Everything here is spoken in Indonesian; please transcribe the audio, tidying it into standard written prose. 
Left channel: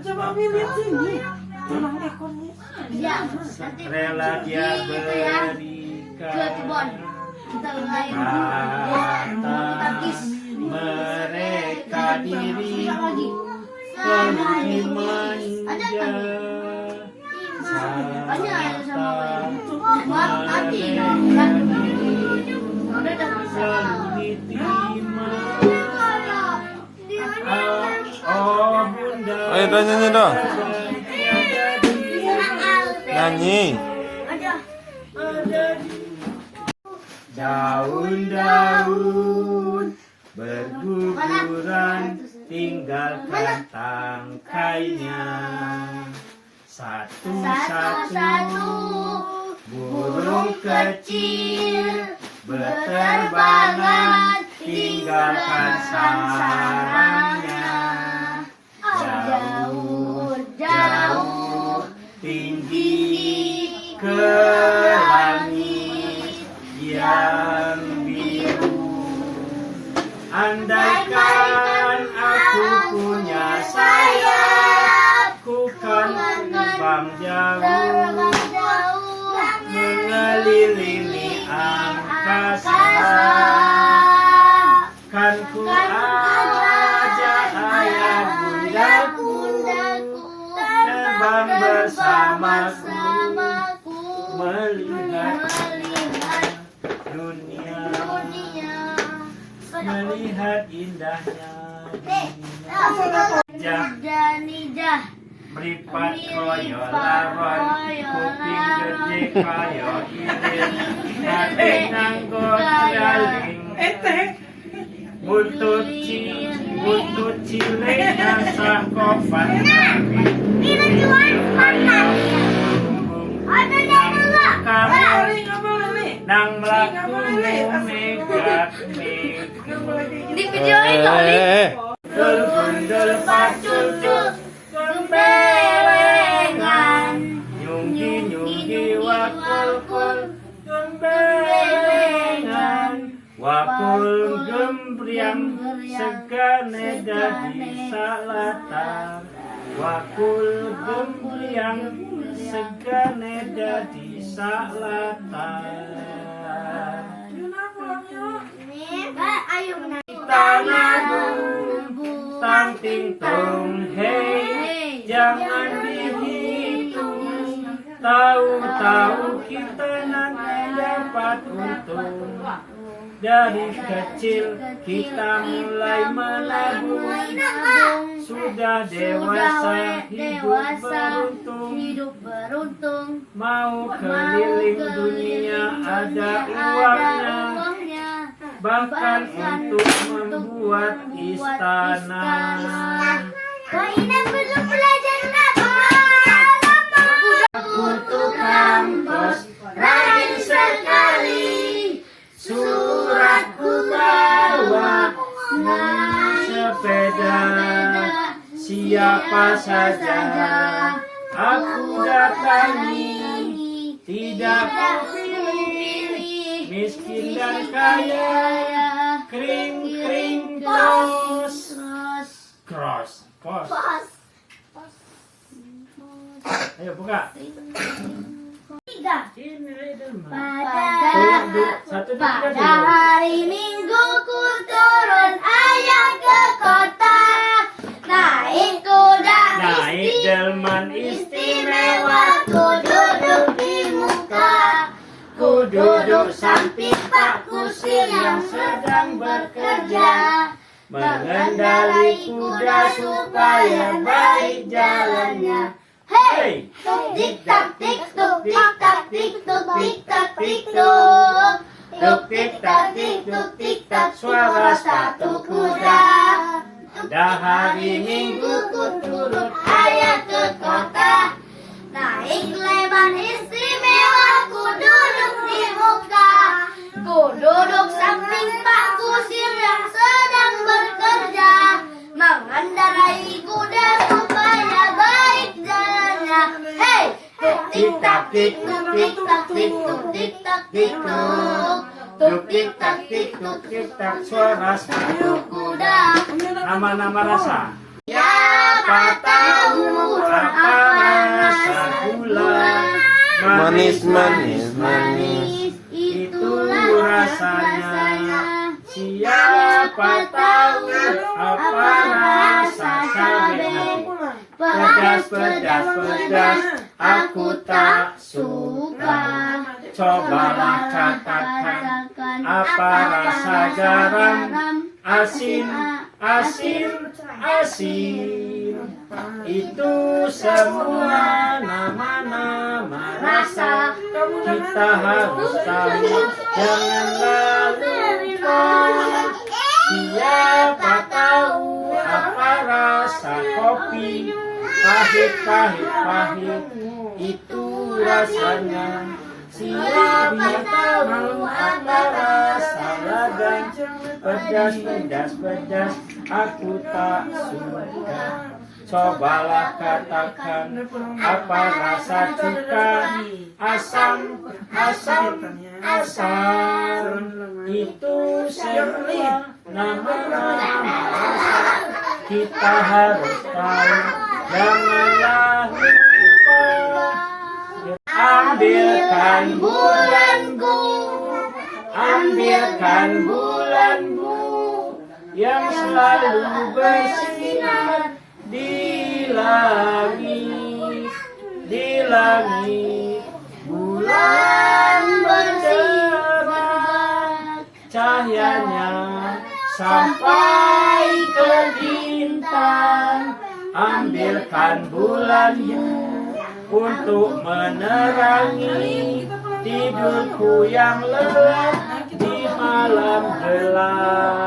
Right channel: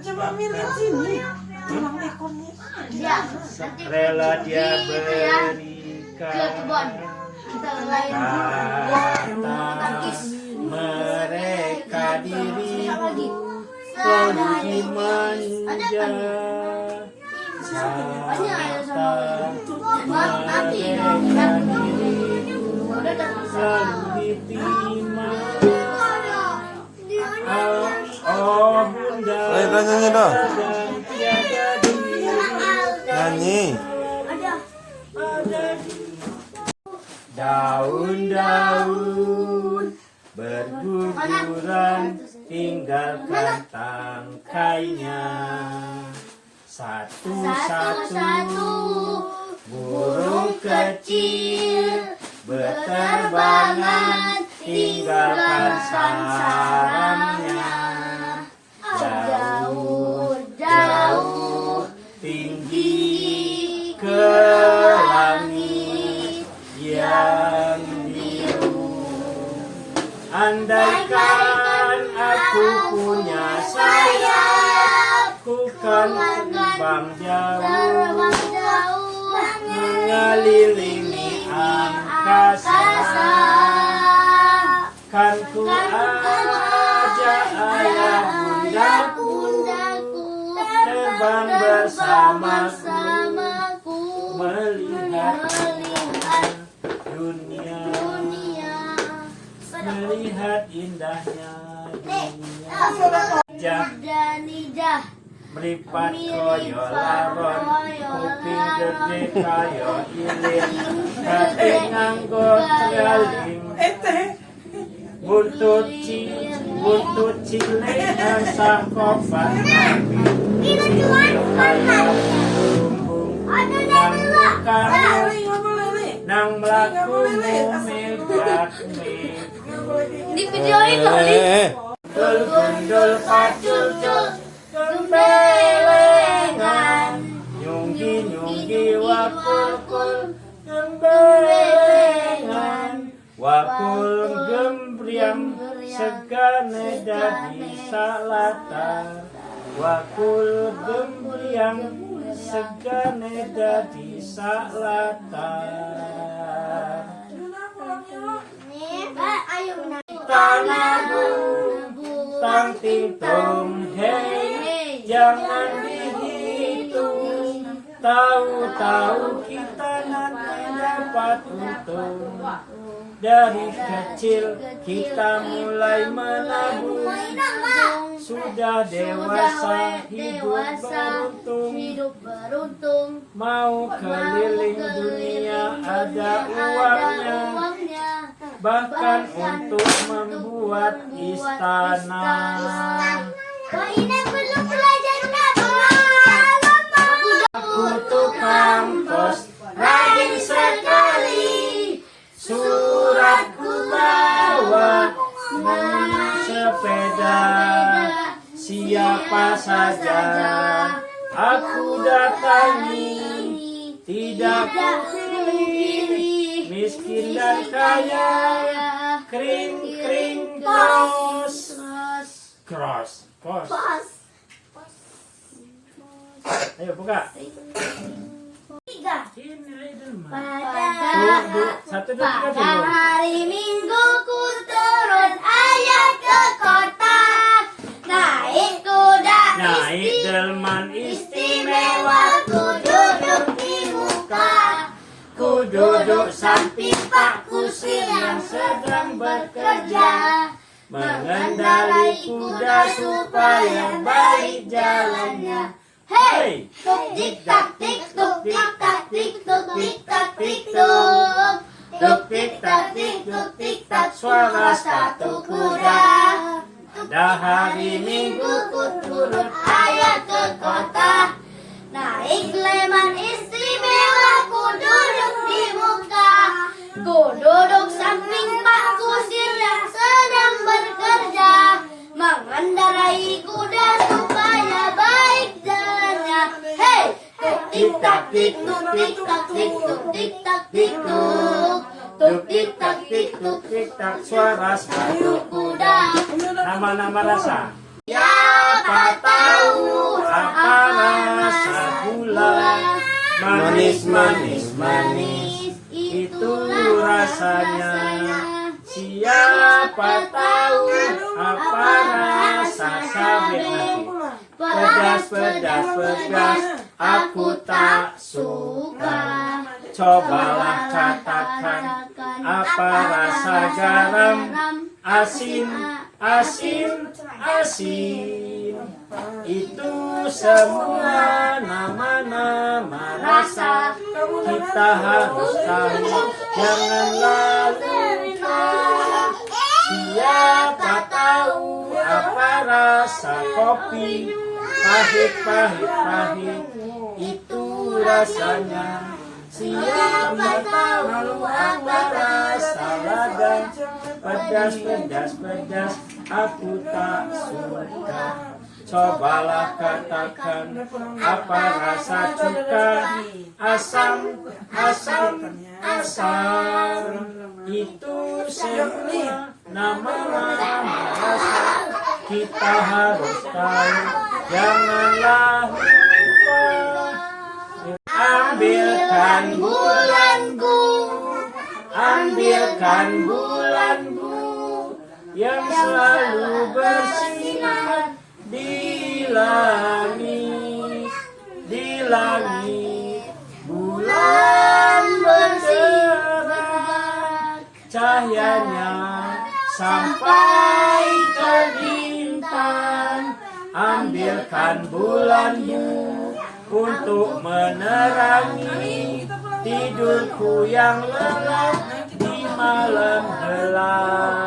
Coba lihat sini. Tulang ekornya. Dia Rela dia berikan kata mereka dirimu lebih manja. Selalu diterima. Oh bunda, Ayo dah nyanyi dah. Nyanyi. Daun-daun berguguran, tinggalkan tangkainya. Satu-satu burung kecil berterbangan, tinggalkan sarangnya. Jauh-jauh tinggi ke langit yang biru. Andaikan aku punya sayap, ku kan terbang jauh, mengelilingi angkasa. Kan ku ajak ayah bundaku terbang bersamaku, melihat dunia, melihat indahnya dunia. Meripat koyo laron, kuping gede koyo ilin, hati nganggo jaling, buntut cilik asa kofan nabi. Nang melaku megat. Di video itu Gundul pacucul gembelengan, nyunggi wakul gembelengan, wakul gembriam segane dadi salatar, wakul gembriam segane dadi salatar. Tanahku tang ting tong hei, jangan dihitung, tahu-tahu kita nanti dapat untung. Dari kecil kita mulai menabung, sudah dewasa hidup beruntung, mau keliling dunia ada uangnya, bahkan untuk membuat istana. Aku tukang pos rajin sekali, suratku bawa sepeda, siapa saja aku datangi, tidak kupilih miskin dan kaya, kring cross. Ayo buka. Pada hari Minggu ku turun ayah ke kota, naik kuda Naik delman istimewa, ku duduk di muka, ku duduk samping Pak Kusir yang sedang bekerja, mengendarai kuda supaya baik jalannya. Hei, tuk tik tak tik tuk tik tak tik tuk tik tak tik tuk, tuk tik tak tik tuk tik tak, suara satu kuda. pada hari Minggu Ku turun ayah ke kota, naik leman istimewa, ku duduk di muka, ku duduk samping Pak Kusir yang sedang bekerja, mengendarai kuda supaya baik jalannya. Hei, tuk tik tak tik tuk tik tak tik tuk tik tak tik tuk, tuk tik tak tik tuk tik tak, suara sepatu kuda. nama-nama rasa. Ya, tak tahu gula. Manis, manis, manis, itulah rasanya. Siapa tahu apa rasa sabit. Pedas, pedas, pedas, aku tak suka. Cobalah katakan apa rasa garam. Asin, asin, asin. Itu semua nama-nama rasa. Kita harus tahu, janganlah lupa. Siapa tahu apa rasa kopi. Pahit, pahit, pahit, itu rasanya. Siapa tahu apa rasa lada. Pedas, pedas, pedas, aku tak suka. Cobalah katakan apa rasa cuka. Asam, asam, asam. Itu semua nama-nama rasa. Kita harus tahu, janganlah lupa. Ambilkan bulanku, ambilkan bulanku, yang selalu bersinar di langit, di langit. Bulan bersinar, cahayanya sampai ke bintang. Ambilkan bulanmu untuk menerangi tidurku yang lelap di malam gelap.